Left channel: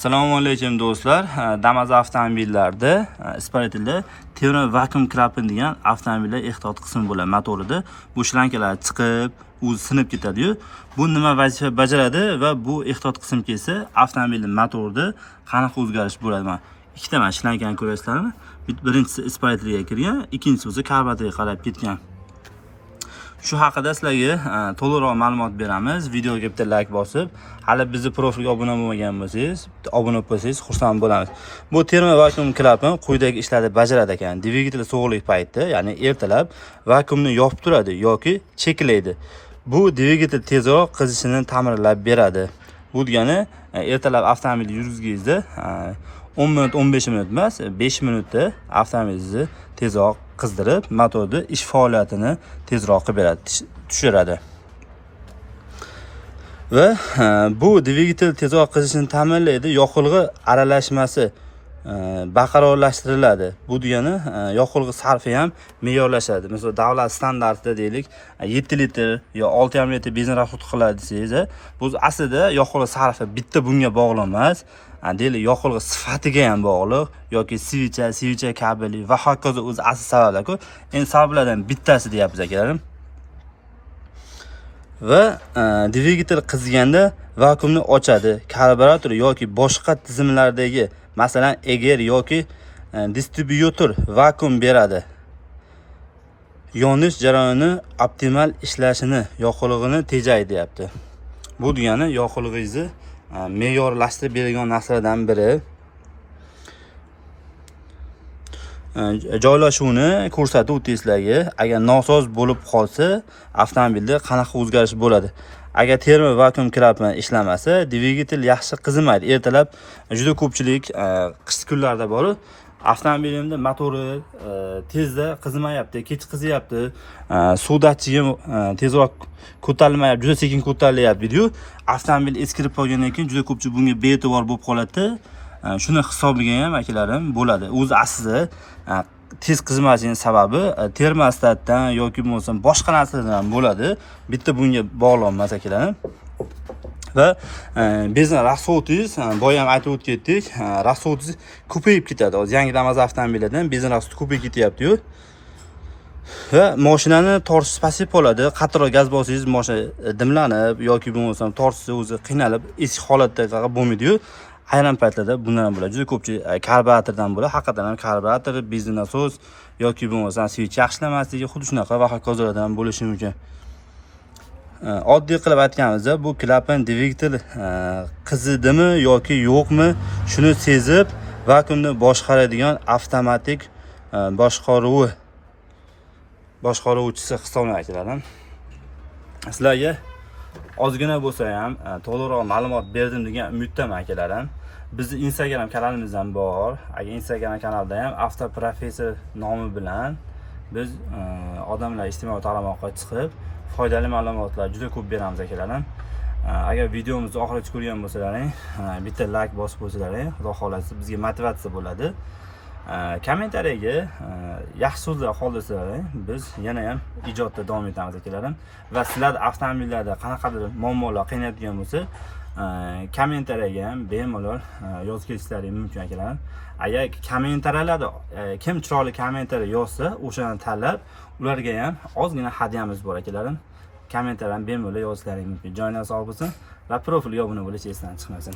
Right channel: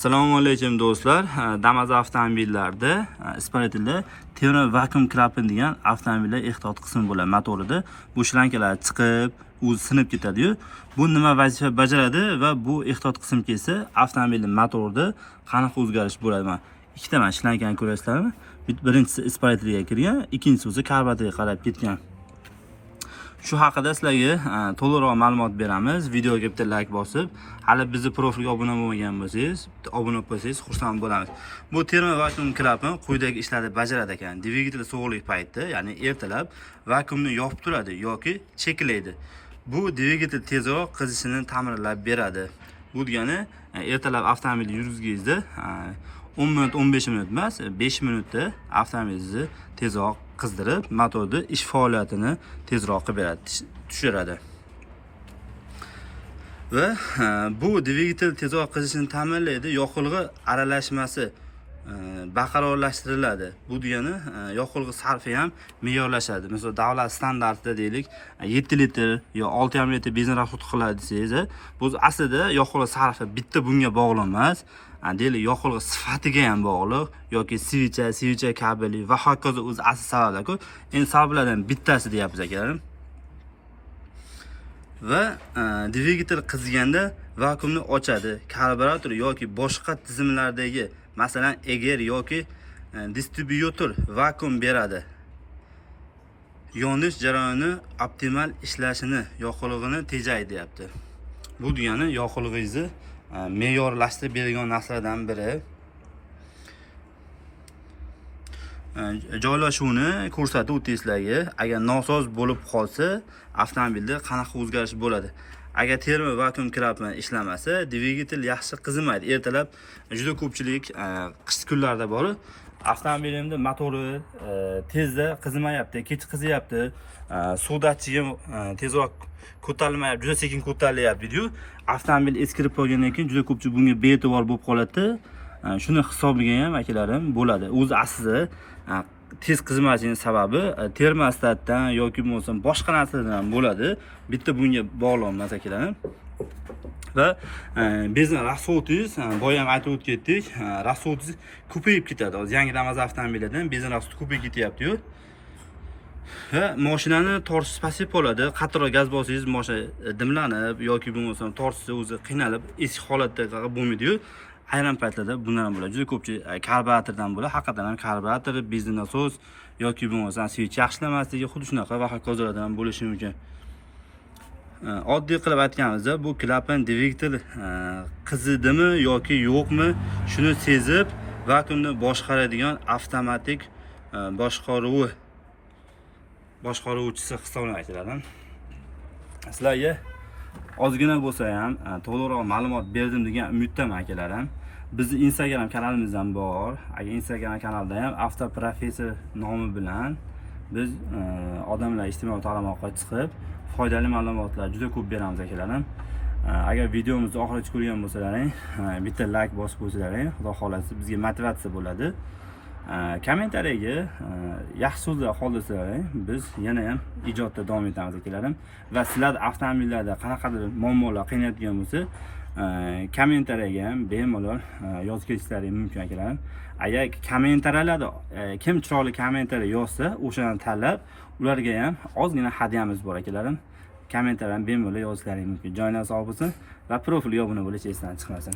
Assalomu alaykum do'stlar. Damas avtomobillarda isparatili temir vakuum klapan degan avtomobillar ehtiyot qismi bo'ladi motorida. Bu shlankalar chiqib, o'zi sinib ketadi-yu. Bu nima vazifa bajaradi va bu ehtiyot qism kelsa, avtomobilning motorida qanaqa o'zgarish bo'ladi? Mana ikkita mana shlankani ko'rasizlarmi? Birinchisi isparatliga kirgan, ikkinchisi esa karboratorga qarab ketgan. Shu haqida sizlarga to'liqroq ma'lumot beramiz. Videoga bitta like bosib, hali bizni profilga obuna bo'lmagan bo'lsangiz, obuna bo'lsangiz xursand bo'lamiz. Bu termo vakuum klapan quyidagi ishlarni bajaradi ekan. Dvigatel sovuqlik payti, ya'ni ertalab vakuumni yopib turadi yoki cheklaydi. Bu dvigatel tezroq qizishini ta'minlab beradi. Bu degani ertalab avtomobil yurgizingizda 10 minut 15 minut emas, 5 minutda avtomobilingizni tezroq qizdirib, motorni ish faoliyatini tezroq qilib beradi, tushiradi. Va bu dvigatel tezroq qizishini ta'minlaydi, yoqilg'i aralashmasi barqarorlashtiriladi. Bu degani yoqilg'i sarfi ham me'yorlashadi. Masalan, davlat standartida deylik 7 litr yo 6,5 litr benzin rasxod qiladi desangiz, bu aslida yoqilg'i sarfi bitta bunga bog'liq emas. Deylik yoqilg'i sifatiga ham bog'liq yoki svicha kabeli va hokazo o'zi asl sabablar-ku. Endi sabablardan bittasi deyapmiz akalarim. Va dvigatel qizganda vakuumni ochadi. Karburator yoki boshqa tizimlardagi, masalan, eger yoki distribyutor vakuum beradi. Yonish jarayoni optimal ishlashini, yoqilg'ini tejaydi deyapti. Bu degani yoqilg'ingizni me'yorlashtirib beradigan narsalardan biri. Joylashuvni ko'rsatib o'tdik sizlarga. Agar nosoz bo'lib qolsa, avtomobilda qanaqa o'zgarish bo'ladi? Agar termo vakuum klapan ishlamasa, dvigatel yaxshi qizimaydi. Ertalab juda ko'pchilik qish kunlarda borib, avtomobilimda motori tezda qizimayapti, kech qizyapti, suv datchigim tezroq ko'tarilmayapti, juda sekin ko'tarilyapti dedi-yu. Avtomobil eskirib qolgandan keyin juda ko'pchilik bunga be'tibor bo'lib qoladi. Shuni hisobiga ham akallarim bo'ladi. O'zi aslida tez qizimashining sababi termostatdan yoki bo'lmasa boshqa narsalardan ham bo'ladi. Bitta bunga bog'liq emas akalarim. Va benzin rasxodingiz, boya ham aytib o'tdik, rasxodingiz ko'payib ketadi. Hozir yangi Damas avtomobillardan benzin rasxodi ko'payib ketyapti-yu. Va mashinani tortish pasayib qoladi. Qattiqroq gaz bossangiz mashina dimlanib yoki bo'lmasa tortishda o'zi qiynalib, eski holatda faqat bo'lmaydi-yu. Ayrim paytlarda bundan ham bo'ladi. Juda ko'pchilik karburatordan bo'ladi. Haqiqatan ham karburator, benzin nasos yoki bo'lmasa switch yaxshilamasligi, xuddi shunaqa va hokazolardan ham bo'lishi mumkin. Oddiy qilib aytganimizda, bu klapan dvigatel qizidimi yoki yo'qmi, shuni sezib vakuumni boshqaradigan avtomatik boshqaruvchisi hisoblanadi. Sizlarga ozgina bo'lsa ham to'liqroq ma'lumot berdim degan umiddaman akalarim. Bizning Instagram kanalimiz ham bor. Agar Instagram kanalda ham Avtoprofessor nomi bilan biz odamlar ijtimoiy tarmoqqa chiqib foydali ma'lumotlar juda ko'p beramiz akalarim. Agar videomizni oxirigacha ko'rgan bo'lsalaring, bitta like bosib qo'ysalaring, xudo xolasa bizga motivatsiya bo'ladi. Kommentariyaga yaxshi so'zlar qoldirsalaring, biz yana ham ijodda davom etamiz akalarim. Va sizlar avtomobillarda qanaqadir muammolar qiynayotgan bo'lsa, kommentariyaga ham bemalol yozib ketishlaring mumkin akalarim. Agar kommentariyalarda kim chiroyli kommentariya yozsa, o'shani tanlab, ularga ham ozgina hadyamiz bor akalarim. Kommentariyadan bemalol yozishlaring mumkin. Joyingiz sog' bo'lsin va profilga obuna bo'lish esdan chiqmasin.